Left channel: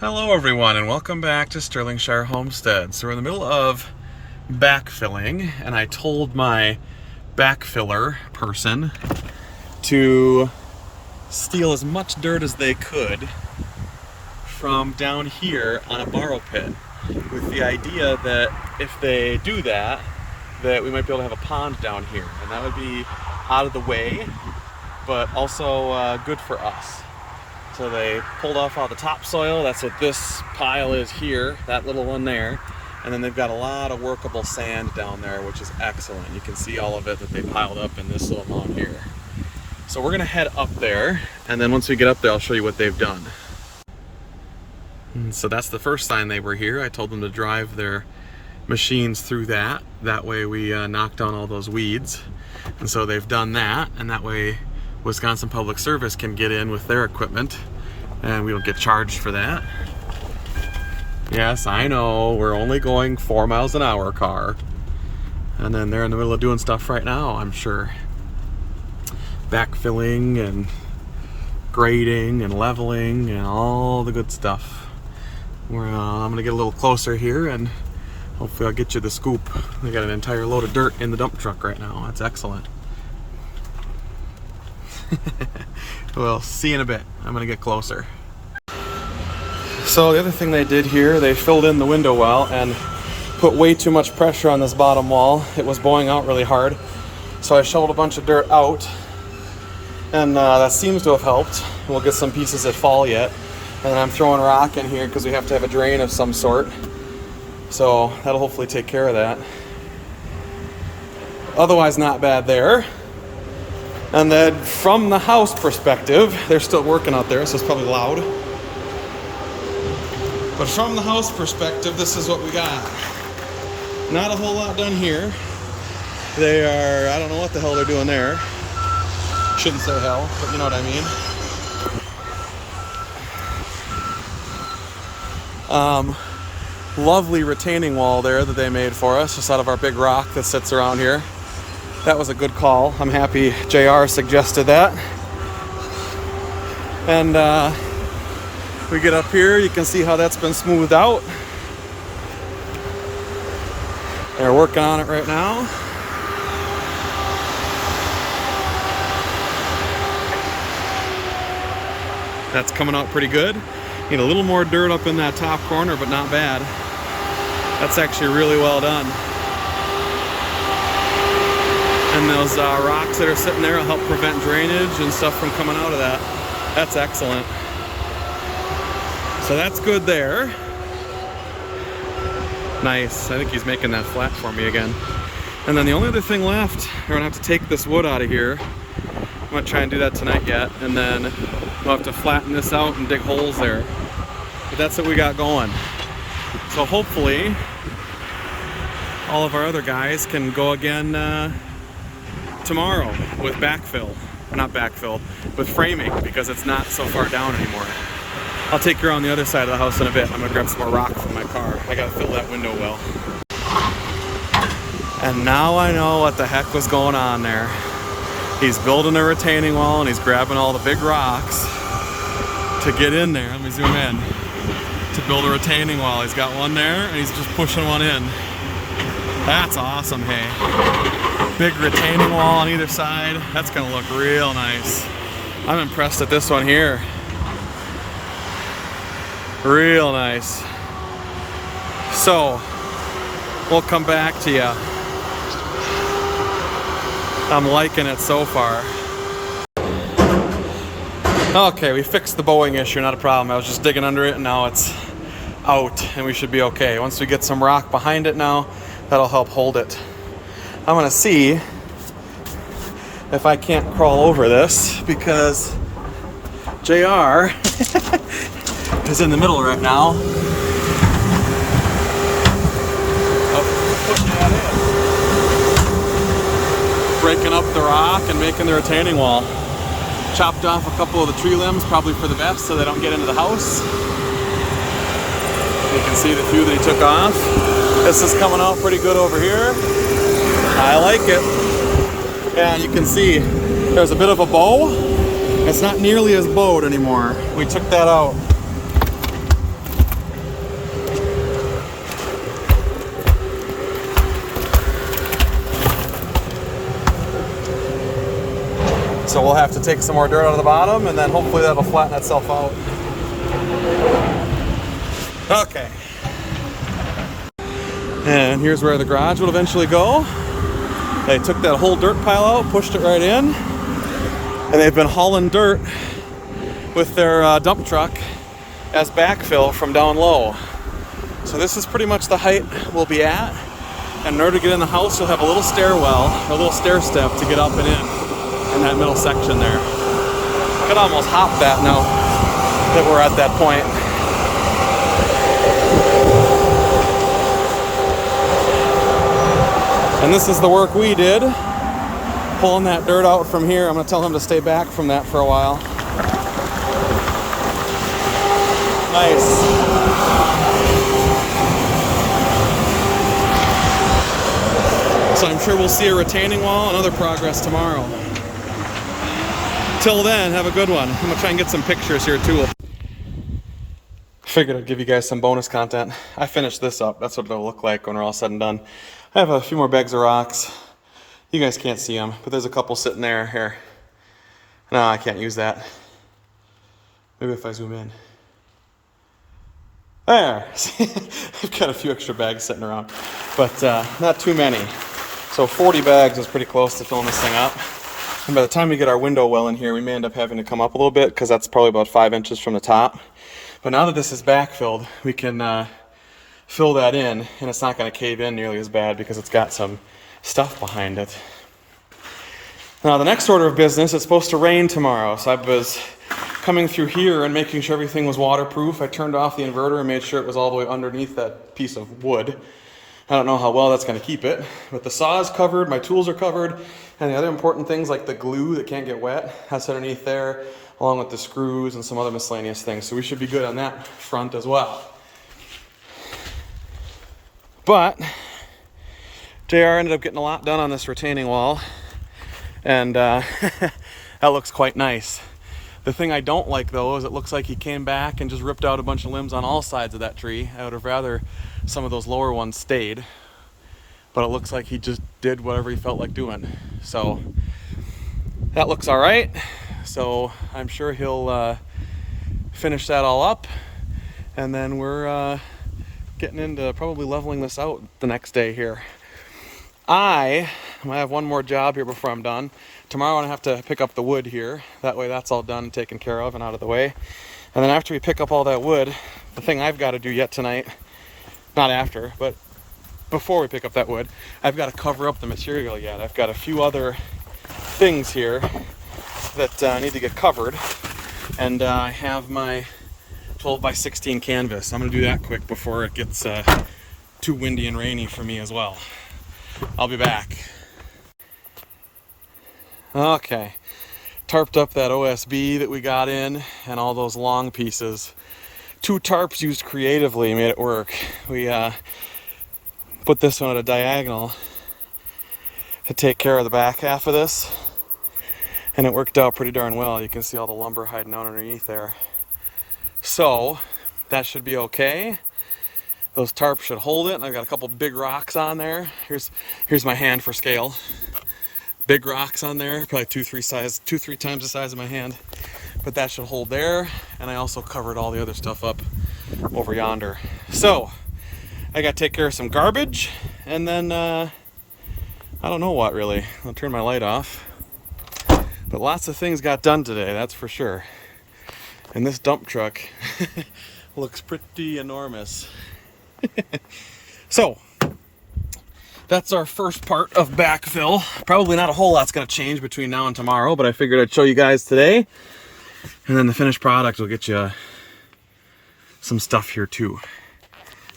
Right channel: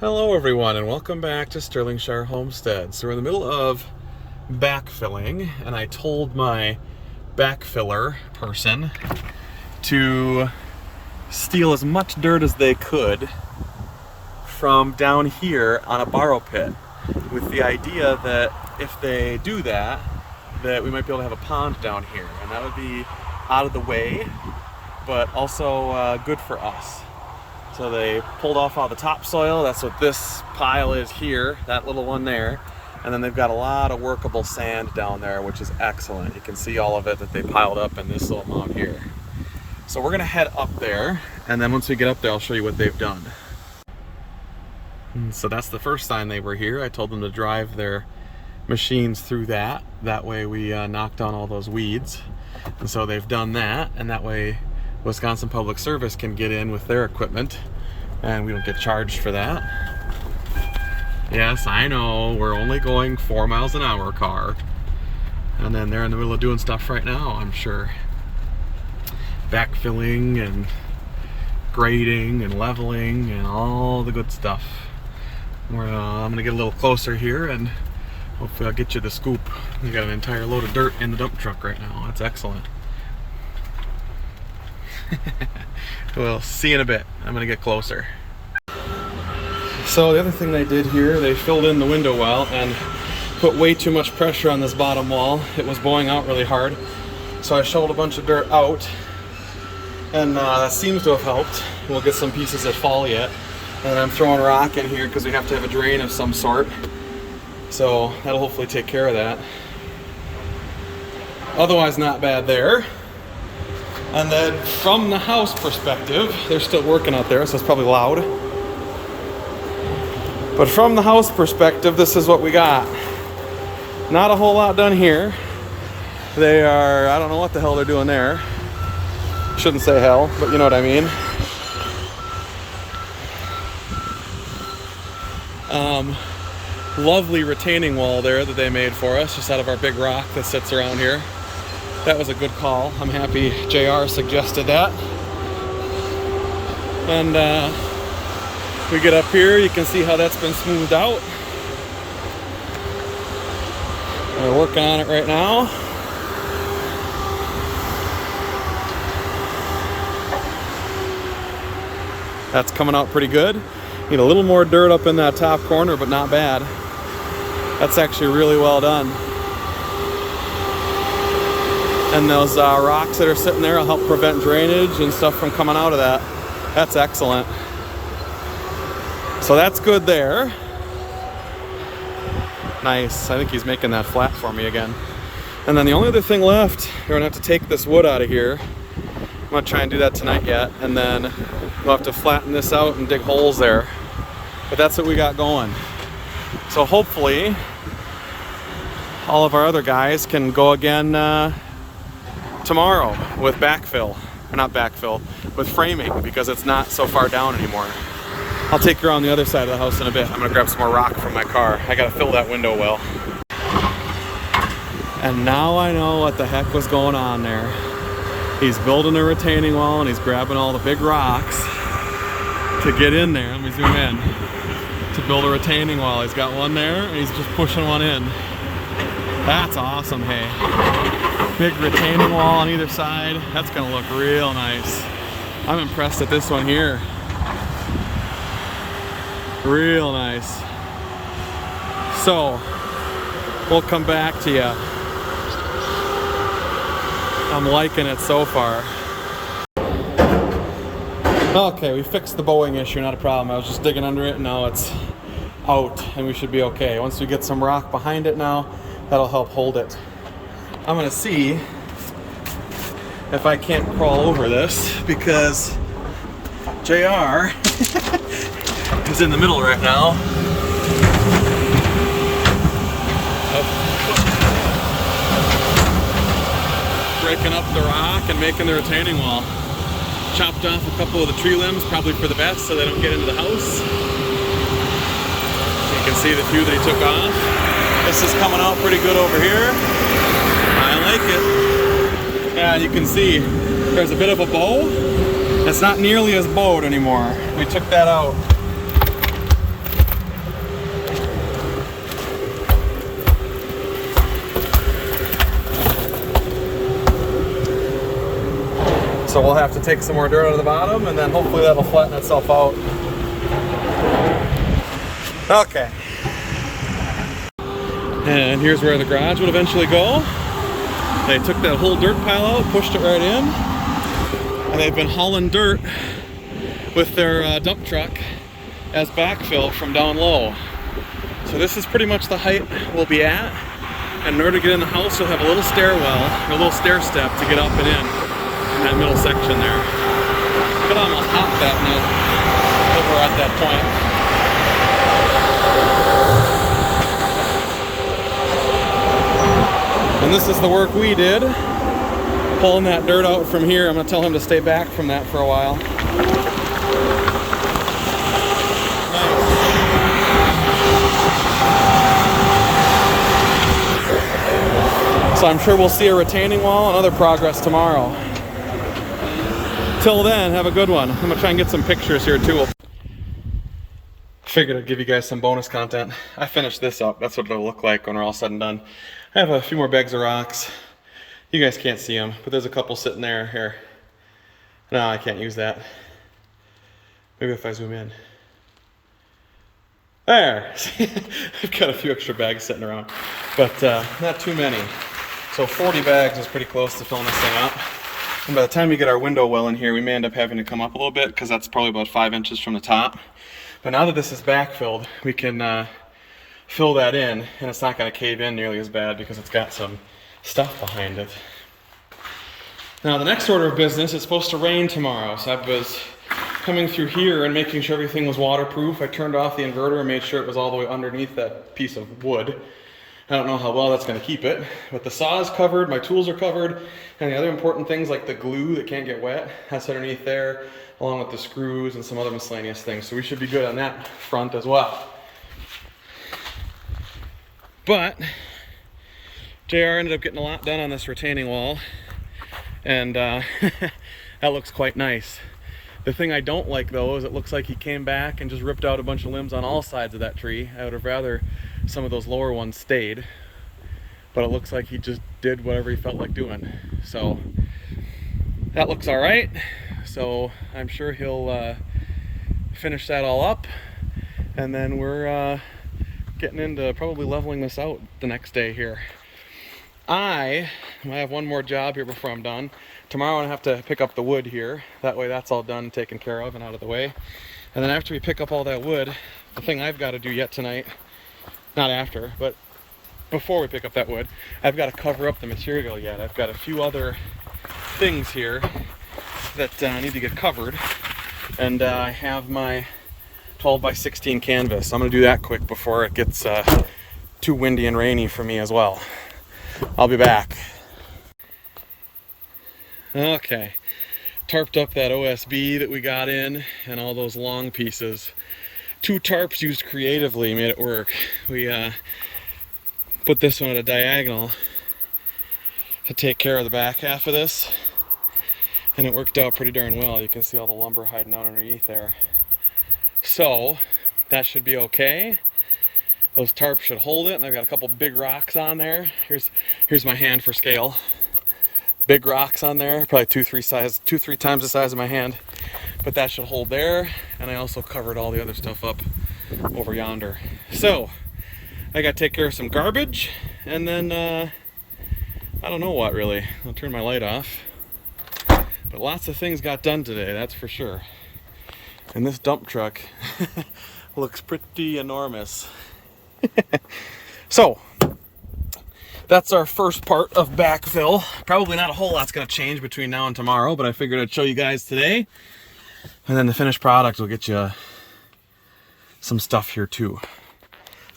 Hello everyone and welcome back to Sterlingshire Homestead. So we're in the middle of backfilling and I told my backfiller person to steal as much dirt as they could from down here on a borrow pit, with the idea that if they do that, that we might be able to have a pond down here, and that would be out of the way but also good for us. So they pulled off all the topsoil. That's what this pile is here, that little one there. And then they've got a lot of workable sand down there, which is excellent. You can see all of it that they piled up in this little mound here. So we're gonna head up there, and then once we get up there, I'll show you what they've done. And so that's the first time they were here. I told them to drive their machines through that. That way we knock down all those weeds. And so they've done that, and that way Wisconsin Public Service can get in with their equipment and we don't get charged for that. Yes, I know, we're only going 4 miles an hour car. And then they're in the middle of doing stuff right now, I'm sure. Backfilling and grading and leveling and all the good stuff. I'm gonna get a little closer here and hopefully I'll get you the scoop. I got an entire load of dirt in the dump truck right now. That's excellent. Well, see you in a bit. I'm gonna get closer. So the other thing they did here, they filled in the window well and put way too much pressure on this bottom wall. It was bowing out really hard. So I shoveled a bunch of dirt out, and that seems to have helped. We'll get some pieces that fall yet. And then I'm throwing rock in here because we have to have a drain of some sort. So that'll hopefully take care of that. Otherwise, not bad there. And then from the house perspective, they're still working out there, so it's probably loud. But from the house perspective, this is what we got. Not a whole lot done here. They are, I don't know what the hell they're doing there. Shouldn't say hell, but you know what I mean. Lovely retaining wall there that they made for us, just out of our big rock that sits around here. That was a good call. I'm happy JR suggested that. And we get up here, you can see how that's been smoothed out. They're working on it right now. That's coming out pretty good. Need a little more dirt up in that top corner, but not bad. That's actually really well done. And those rocks that are sitting there will help prevent drainage and stuff from coming out of that. That's excellent. So that's good there. Nice. I think he's making that flat for me again. And then the only other thing left, we're gonna have to take this wood out of here. I'm gonna try and do that tonight yet, and then we'll have to flatten this out and dig holes there. But that's what we got going. So hopefully all of our other guys can go again tomorrow with backfill, or not backfill, with framing, because it's not so far down anymore. I'll take you around the other side of the house in a bit. I'm gonna grab some more rock from my car. I gotta fill that window well. And now I know what the heck was going on there. He's building a retaining wall and he's grabbing all the big rocks to get in there. Let me zoom in. To build a retaining wall. He's got one there and he's just pushing one in. That's awesome, hey. Big retaining wall on either side. That's gonna look real nice. I'm impressed at this one here. Real nice. So, we'll come back to you. I'm liking it so far. Okay, we fixed the bowing issue, not a problem. I was just digging under it and now it's out and we should be okay. Once we get some rock behind it now, that'll help hold it. I'm gonna see if I can't crawl over this because JR is in the middle right now. Breaking up the rock and making the retaining wall. Chopped off a couple of the tree limbs, probably for the best, so they don't get into the house. You can see the few that he took off. This is coming out pretty good over here. I like it. Yeah, you can see there's a bit of a bow. It's not nearly as bowed anymore. We took that out. So we'll have to take some more dirt out of the bottom, and then hopefully that'll flatten itself out. Okay. And here's where the garage will eventually go. They took that whole dirt pile out, pushed it right in, and they've been hauling dirt with their dump truck as backfill from down low. So this is pretty much the height we'll be at. And in order to get in the house, you'll have a little stairwell, or a little stair step to get up and in that middle section there. Could almost hop that now that we're at that point. And this is the work we did, pulling that dirt out from here. I'm gonna tell him to stay back from that for a while. Nice. So I'm sure we'll see a retaining wall and other progress tomorrow. Till then, have a good one. I'm gonna try and get some pictures here too. Figured I'd give you guys some bonus content. I finished this up. That's what it'll look like when we're all said and done. I have a few more bags of rocks. You guys can't see them, but there's a couple sitting there. Here. No, I can't use that. Maybe if I zoom in. There. I've got a few extra bags sitting around, but not too many. So 40 bags is pretty close to filling this thing up. And by the time we get our window well in here, we may end up having to come up a little bit because that's probably about 5 inches from the top. But now that this is backfilled, we can fill that in, and it's not going to cave in nearly as bad because it's got some stuff behind it. Now the next order of business, it's supposed to rain tomorrow, so I was coming through here and making sure everything was waterproof. I turned off the inverter and made sure it was all the way underneath that piece of wood. I don't know how well that's going to keep it, but the saw is covered, my tools are covered, and the other important things like the glue that can't get wet, that's underneath there, along with the screws and some other miscellaneous things. So we should be good on that front as well. But JR ended up getting a lot done on this retaining wall, and that looks quite nice. The thing I don't like though is it looks like he came back and just ripped out a bunch of limbs on all sides of that tree. I would have rather some of those lower ones stayed, but it looks like he just did whatever he felt like doing. So that looks all right. So I'm sure he'll finish that all up, and then we're getting into probably leveling this out the next day here. I have one more job here before I'm done. Tomorrow I have to pick up the wood here. That way that's all done and taken care of and out of the way. And then after we pick up all that wood, the thing I've got to do yet tonight, not after, but before we pick up that wood, I've got to cover up the material yet. I've got a few other things here that need to get covered. And I have my 12 by 16 canvas. I'm gonna do that quick before it gets too windy and rainy for me as well. I'll be back. Okay, tarped up that OSB that we got in and all those long pieces. 2 tarps used creatively made it work. We put this one at a diagonal to take care of the back half of this, and it worked out pretty darn well. You can see all the lumber hiding out underneath there. So that should be okay. Those tarps should hold it, and I've got a couple big rocks on there. Here's my hand for scale. Big rocks on there, probably 2-3 times the size of my hand, but that should hold there. And I also covered all the other stuff up over yonder. So I got to take care of some garbage, and then I don't know what really. I'll turn my light off. But lots of things got done today, that's for sure. And this dump truck looks pretty enormous. So that's our first part of backfill. Probably not a whole lot's gonna change between now and tomorrow, but I figured I'd show you guys today. And then the finished product will get you some stuff here too.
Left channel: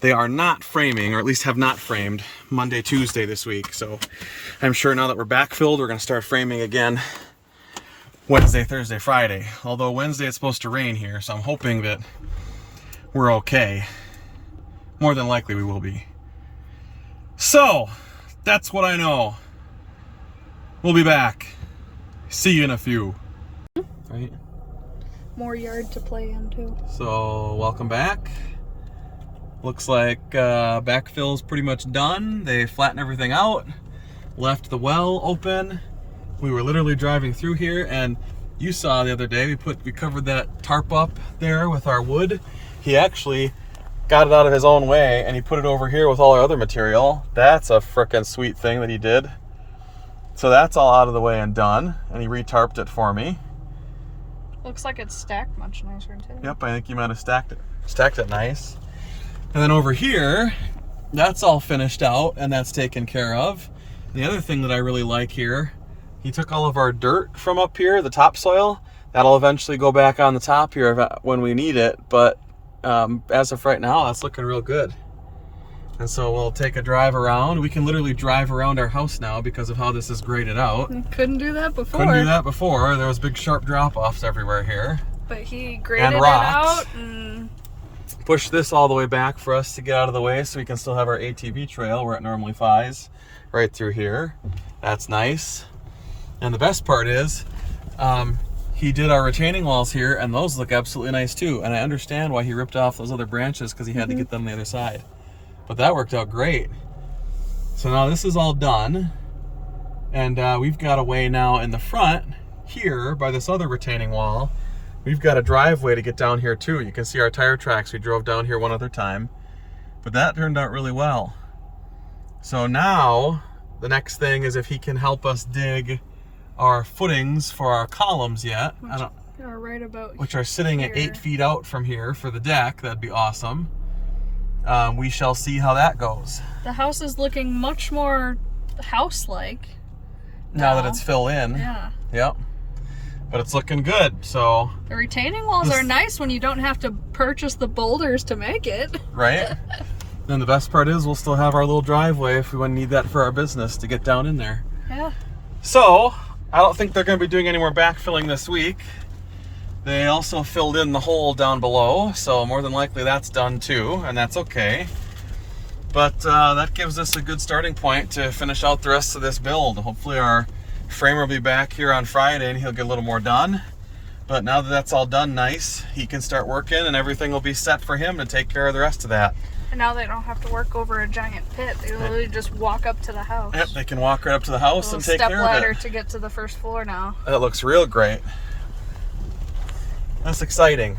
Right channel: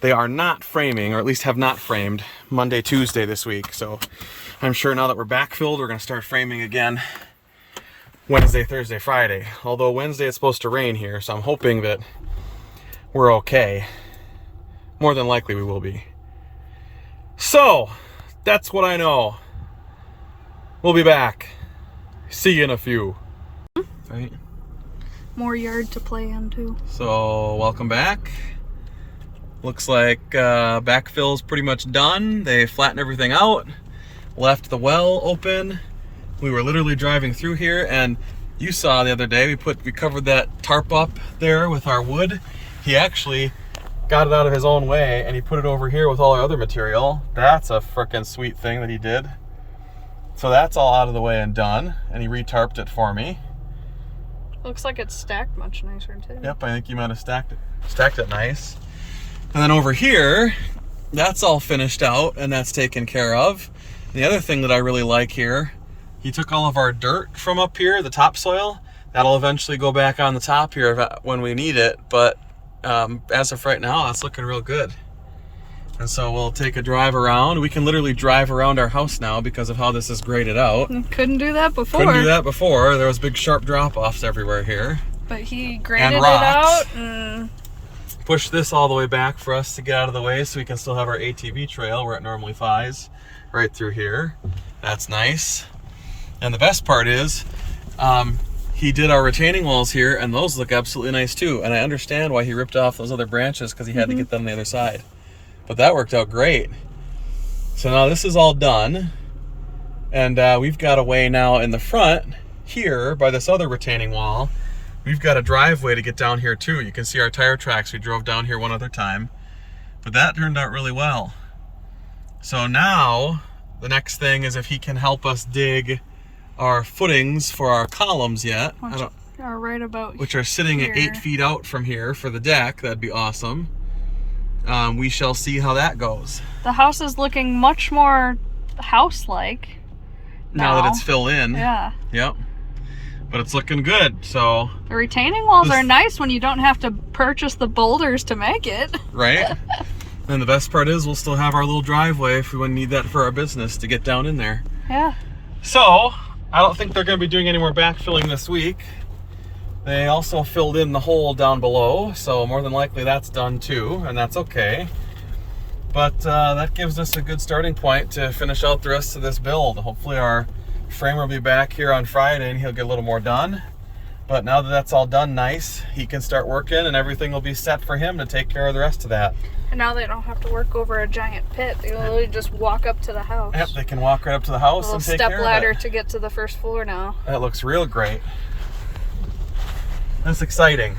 They are not framing, or at least have not framed, Monday, Tuesday this week. So I'm sure now that we're backfilled, we're gonna start framing again Wednesday, Thursday, Friday. Although Wednesday it's supposed to rain here, so I'm hoping that we're okay. More than likely we will be. So, that's what I know. We'll be back. See you in a few. Right? More yard to play in too. So, welcome back. Looks like backfill's pretty much done. They flattened everything out, left the well open, We were literally driving through here, and you saw the other day we covered that tarp up there with our wood. He actually got it out of his own way and he put it over here with all our other material. That's a frickin' sweet thing that he did. So that's all out of the way and done, and he re-tarped it for me. Looks like it's stacked much nicer too. Yep, I think he might have stacked it nice. And then over here, that's all finished out and that's taken care of. The other thing that I really like here, he took all of our dirt from up here, the topsoil. That'll eventually go back on the top here when we need it, but as of right now, that's looking real good. And so we'll take a drive around. We can literally drive around our house now because of how this is graded out. Couldn't do that before. Couldn't do that before. There was big sharp drop-offs everywhere here. But he graded it out and pushed this all the way back for us to get out of the way so we can still have our ATV trail where it normally flies right through here. That's nice. And the best part is, he did our retaining walls here, and those look absolutely nice too. And I understand why he ripped off those other branches, because he had to get them on the other side. But that worked out great. So now this is all done, and we've got a way now in the front here by this other retaining wall. We've got a driveway to get down here too. You can see our tire tracks. We drove down here one other time, but that turned out really well. So now the next thing is if he can help us dig our footings for our columns yet. Which are sitting at 8 feet out from here for the deck. That'd be awesome. We shall see how that goes. The house is looking much more house-like now that it's filled in. Yeah. Yep. But it's looking good, so. The retaining walls are nice when you don't have to purchase the boulders to make it. Right? Then the best part is we'll still have our little driveway if we need that for our business to get down in there. Yeah. So, I don't think they're going to be doing any more backfilling this week. They also filled in the hole down below, so more than likely that's done too, and that's okay. But that gives us a good starting point to finish out the rest of this build. Hopefully our framer will be back here on Friday and he'll get a little more done. But now that that's all done nice, he can start working and everything will be set for him to take care of the rest of that. And now they don't have to work over a giant pit. They literally just walk up to the house. Yep, they can walk right up to the house and take care of it. Step ladder to get to the first floor now. That looks real great. That's exciting.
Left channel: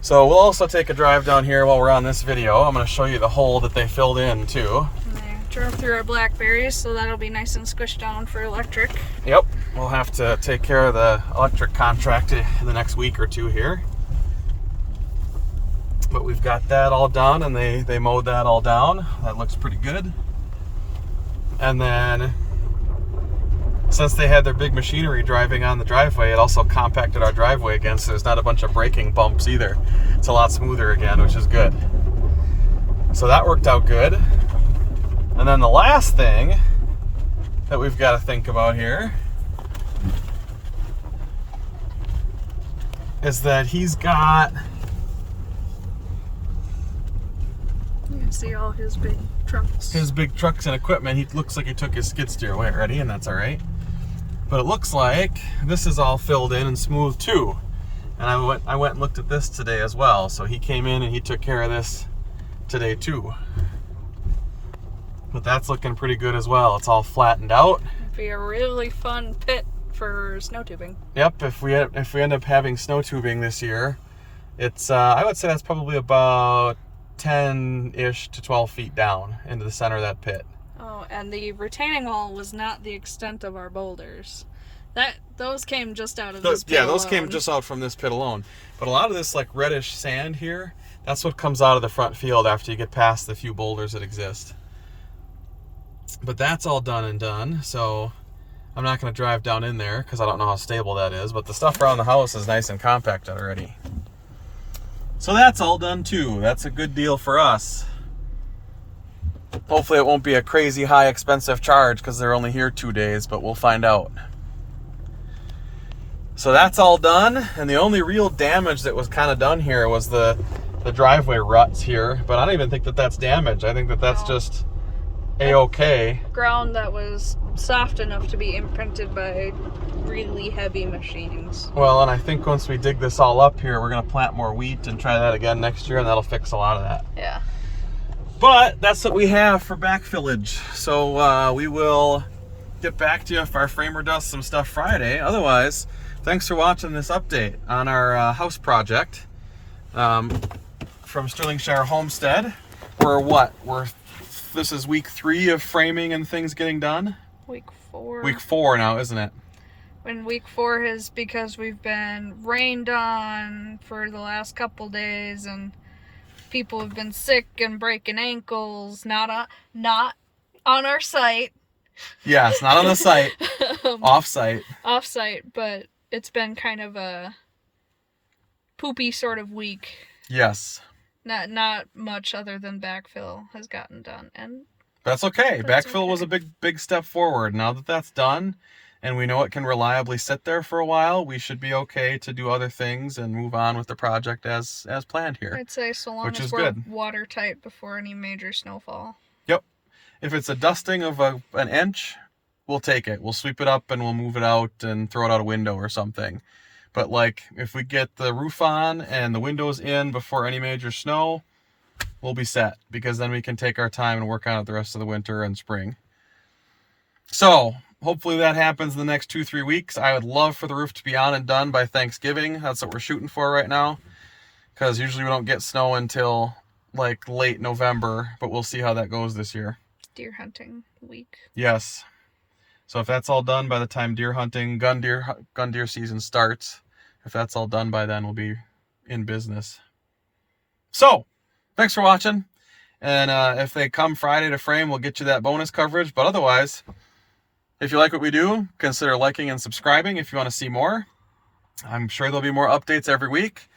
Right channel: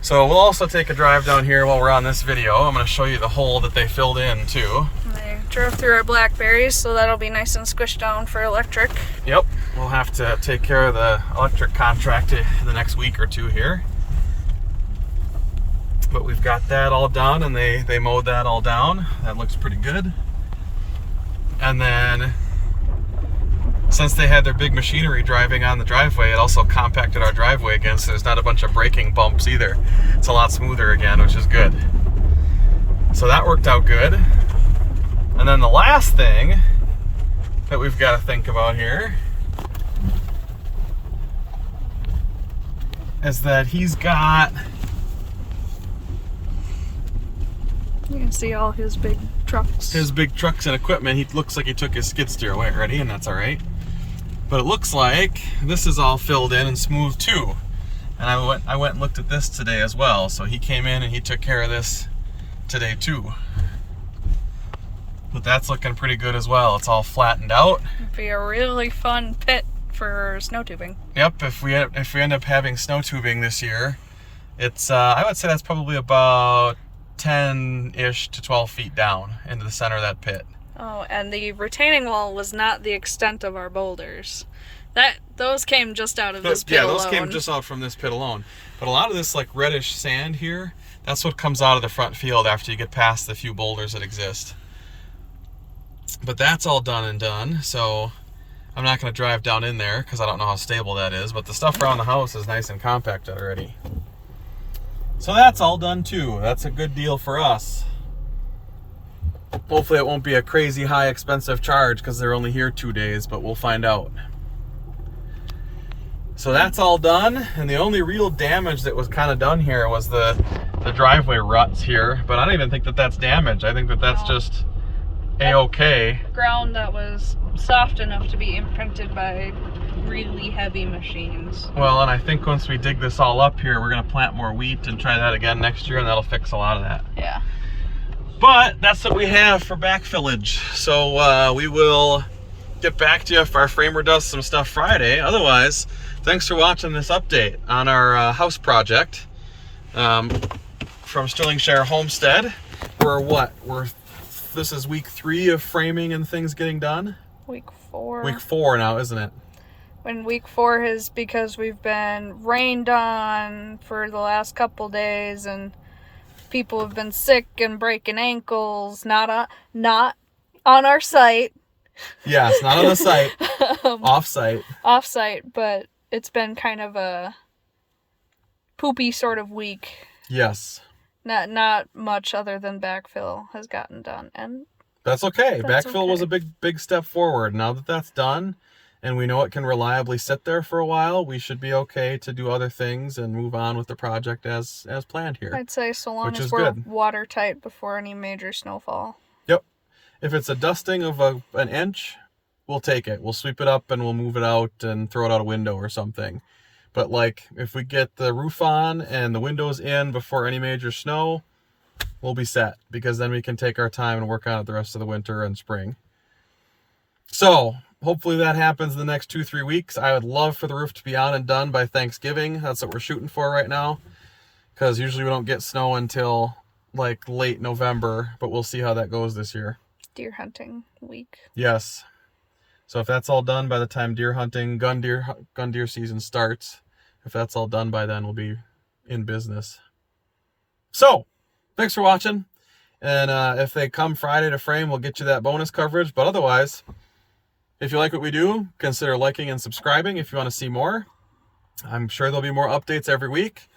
So we'll also take a drive down here while we're on this video. I'm going to show you the hole that they filled in too. And they drove through our blackberries, so that'll be nice and squished down for electric. Yep, we'll have to take care of the electric contract in the next week or two here. But we've got that all done, and they mowed that all down. That looks pretty good. And then, since they had their big machinery driving on the driveway, it also compacted our driveway again, so there's not a bunch of braking bumps either. It's a lot smoother again, which is good. So that worked out good. And then the last thing that we've got to think about here is that he's got... You can see all his big trucks. His big trucks and equipment. He looks like he took his skid steer away already, and that's all right. But it looks like this is all filled in and smooth too. And I went and looked at this today as well. So he came in and he took care of this today too. But that's looking pretty good as well. It's all flattened out. It'd be a really fun pit for snow tubing. Yep, if we end up having snow tubing this year, it's I would say that's probably about 10-ish to 12 feet down into the center of that pit. Oh, and the retaining wall was not the extent of our boulders. Those came just out of this pit alone. Yeah, those came just out from this pit alone. But a lot of this like reddish sand here, that's what comes out of the front field after you get past the few boulders that exist. But that's all done and done, so I'm not going to drive down in there because I don't know how stable that is, but the stuff around the house is nice and compact already. So that's all done too. That's a good deal for us. Hopefully it won't be a crazy high expensive charge because they're only here 2 days, but we'll find out. So that's all done, and the only real damage that was kind of done here was the driveway ruts here, but I don't even think that that's damage. I think that that's just a-okay. Ground that was soft enough to be imprinted by really heavy machines. Well, and I think once we dig this all up here, we're going to plant more wheat and try that again next year, and that'll fix a lot of that. Yeah. But that's what we have for backfillage. So we will get back to you if our framer does some stuff Friday. Otherwise, thanks for watching this update on our house project from Stirlingshire Homestead. This is week 3 of framing and things getting done? Week 4. Week 4 now, isn't it? When week 4 is because we've been rained on for the last couple days and people have been sick and breaking ankles. Not on our site. Yes, not on the site. Off-site. Off-site, but it's been kind of a poopy sort of week. Yes. Not much other than backfill has gotten done, and that's okay. That's Backfill okay. was a big step forward. Now that that's done, and we know it can reliably sit there for a while, we should be okay to do other things and move on with the project as planned here. I'd say so long which as is we're good. watertight before any major snowfall. Yep. If it's a dusting of an inch, we'll take it. We'll sweep it up and we'll move it out and throw it out a window or something. But like, if we get the roof on and the windows in before any major snow, we'll be set, because then we can take our time and work on it the rest of the winter and spring. So hopefully that happens in the next 2-3 weeks. I would love for the roof to be on and done by Thanksgiving. That's what we're shooting for right now, because usually we don't get snow until like late November, but we'll see how that goes this year. Deer hunting week. Yes. So if that's all done by the time deer hunting, gun deer season starts, if that's all done by then, we'll be in business. So, thanks for watching. And if they come Friday to frame, we'll get you that bonus coverage. But otherwise, if you like what we do, consider liking and subscribing if you want to see more. I'm sure there'll be more updates every week.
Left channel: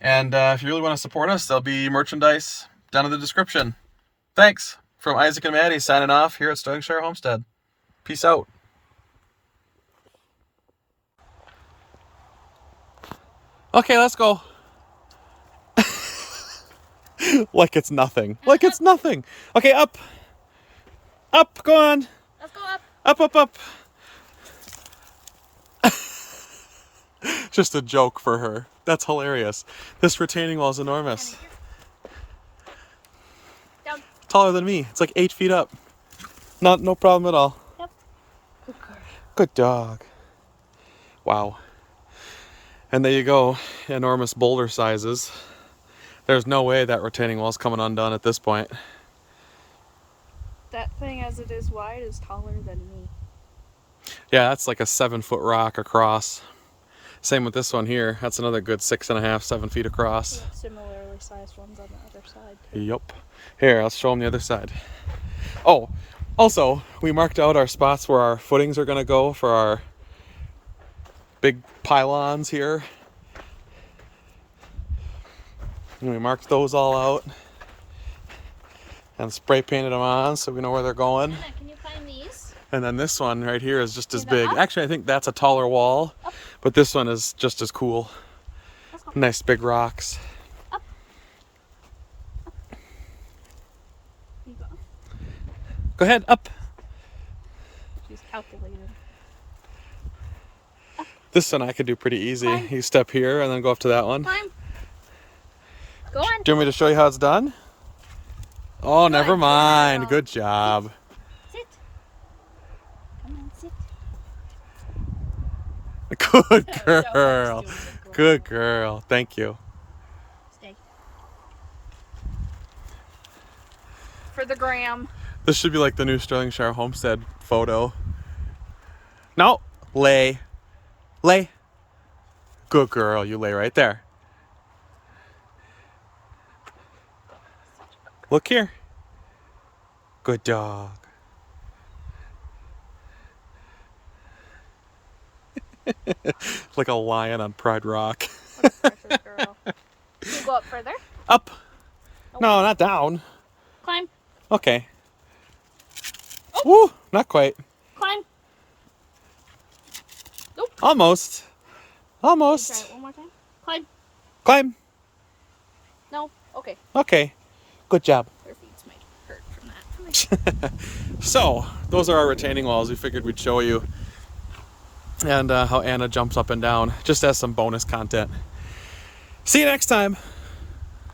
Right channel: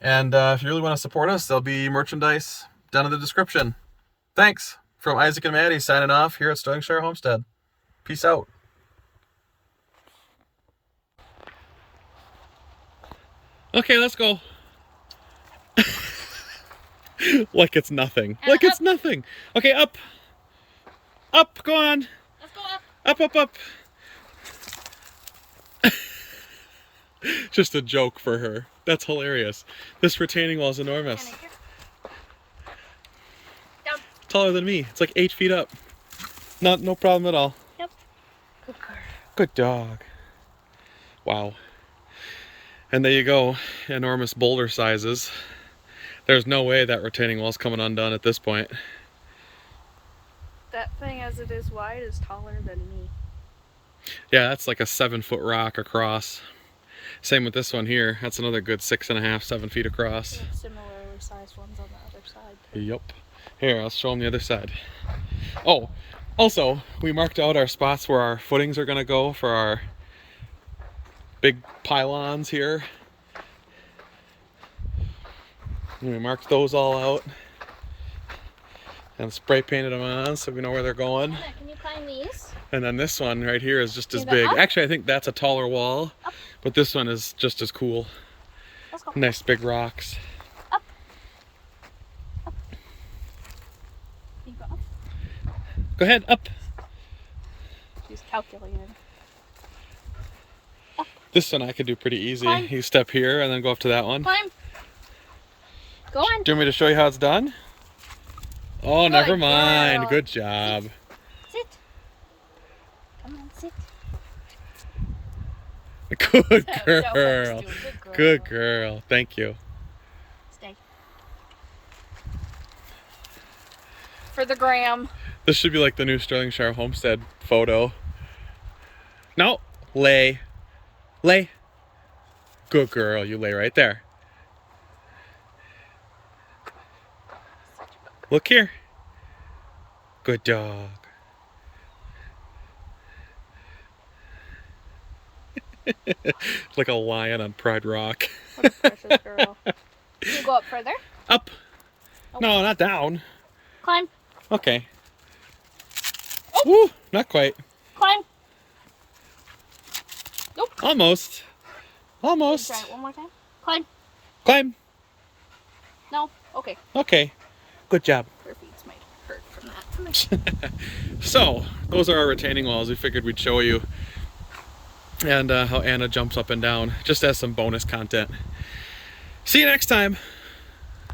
And if you really want to support us, there'll be merchandise down in the description. Thanks. From Isaac and Maddie signing off here at Stirlingshire Homestead. Peace out. Okay, let's go. Like it's nothing. Like it's nothing. Okay, up. Up, go on. Let's go up. Up. Just a joke for her. That's hilarious. This retaining wall is enormous. Down. Taller than me. It's like 8 feet up. No problem at all. Yep. Good dog. Wow. And there you go. Enormous boulder sizes. There's no way that retaining wall's coming undone at this point. That thing as it is wide is taller than me. Yeah, that's like a 7-foot rock across. Same with this one here. That's another good 6.5, 7 feet across. Yeah, similarly sized ones on the other side. Yep. Here, I'll show them the other side. Oh, also, we marked out our spots where our footings are going to go for our big pylons here. And we marked those all out and spray painted them on so we know where they're going. Anna, can you climb these? And then this one right here is just as that big. up? Actually, I think that's a taller wall, Up. but this one is just as cool. Let's go. Nice big rocks. Up. Up. Can you go up? Go ahead, up. She's calculating. This one I could do pretty easy. Climb. You step here and then go up to that one. Climb. Go on. Do you want me to show you how it's done? Oh, never mind. girl. Good job. Sit. Come on, sit. Good That girl. works, dude. Good girl. Thank you. Stay. For the gram. This should be like the new Stirlingshire Homestead photo. No. Lay. Lay. Good girl. You lay right there. Look here. Good dog. Like a lion on Pride Rock. Precious girl. You go up further. Up. No, not down. Climb. Okay. Woo, not quite. Climb. Nope. Almost. Try Almost. it one more time. Climb. Climb. No. Okay. Okay. Good job. Her feet might hurt from that. So, those are our retaining walls. We figured we'd show you. And how Anna jumps up and down, just as some bonus content. See you next time.